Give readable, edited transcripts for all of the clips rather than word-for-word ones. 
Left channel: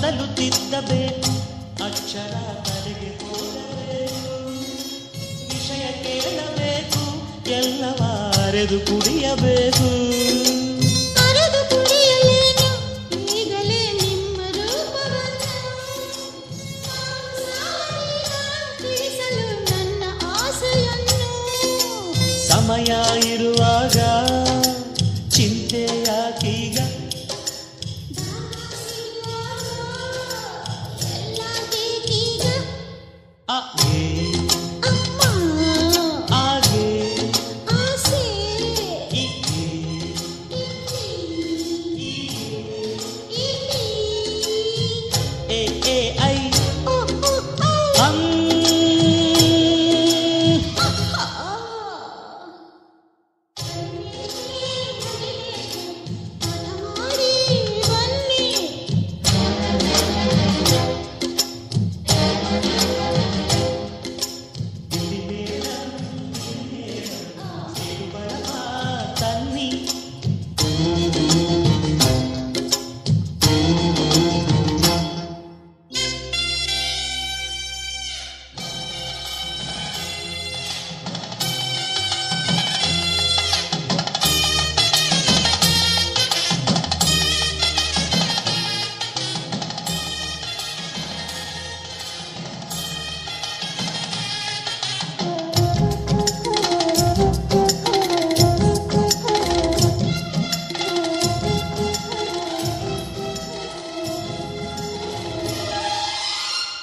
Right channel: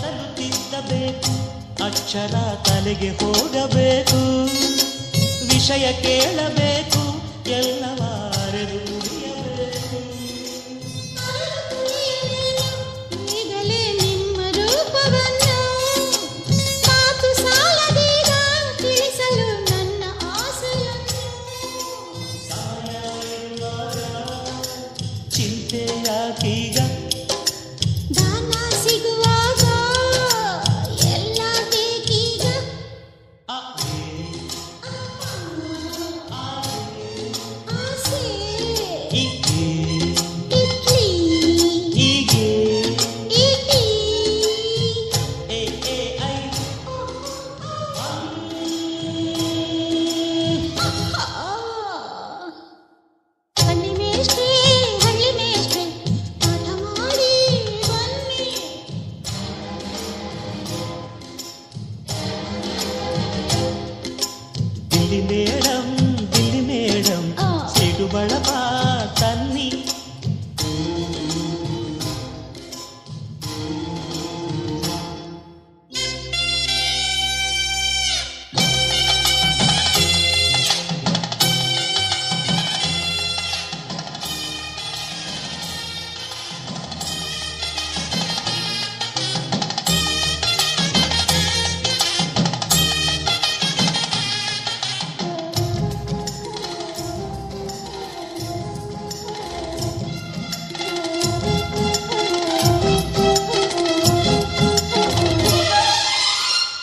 ಮೊದಲು ತಿದ್ದಬೇಕು, ಅಕ್ಷರ ತಲೆಗೆ ಹೋಗಬೇಕು, ವಿಷಯ ಕೇಳಬೇಕು, ಎಲ್ಲವ ಅರೆದು ಕುಡಿಯಬೇಕು. ಅರೆದು ಕುಡಿಯಲೇನು ಈಗಲೇ ನಿಮ್ಮ ರೂಪವನ್ನು, ಮಾತು ಸಾಲದೀಗ ತಿಳಿಸಲು ನನ್ನ ಆಸೆಯನ್ನು. ಸಮಯ ಇರುವಾಗ ಚಿಂತೆ ಯಾಕೀಗ, ದಾನ ಸಿಗುವಾಗ ಎಲ್ಲ ಬೇಕೀಗ. ಆಗೆ ಅಮ್ಮ ಆಗೆ ಆಸೆ ಈಗೆ ಇಡ್ಲಿ ಹೀಗೆ ಇಡ್ಲಿ ಎ ಎ ಐ ಓ ಓ ಓ. ಅಂ. ಹಳ್ಳಿ ಮೇಷ್ಟ್ರೆ ಪಾಠ ಮಾಡಿ ಬನ್ನಿ. ದಿಲ್ಲಿ ಮೇಡಂ ಸಿಡು ಬಳಪ ತನ್ನಿ.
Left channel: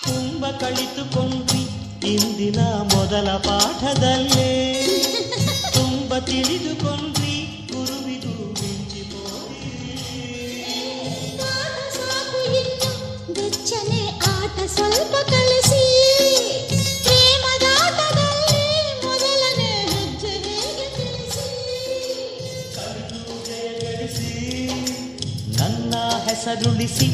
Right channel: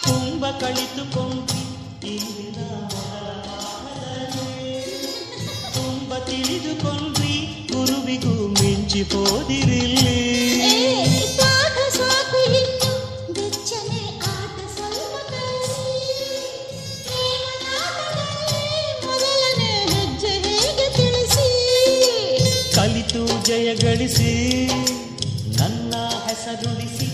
ತುಂಬ ಕಳಿತುಕೊಂಡ್ರಿ ಇಂದಿನ ಮೊದಲ ಪಾಠದಲ್ಲೇ, ತುಂಬ ತಿಳಿದುಕೊಂಡ್ರಿ ಗುರುವಿಗೂ ಮಿಂಚಿ ಹೋದಿರಿಲ್ಲಿ. ಪಾಠ ಸಾಕು ಇನ್ನು ಬೆಚ್ಚನೆ ಆಟ ಸ್ವಲ್ಪ ಕಲಿಸಿ, ಪ್ರೇಮದಾಟದಲ್ಲಿ ಮೊದಲನೇ ಹೆಜ್ಜೆ ಹೇಗೆ ತಿಳಿಸಿ. ಕಲಿತು ಜಯ ಗಳಿಸಿ ನನ್ನ ಹೆಸರುಳಿಸಿ.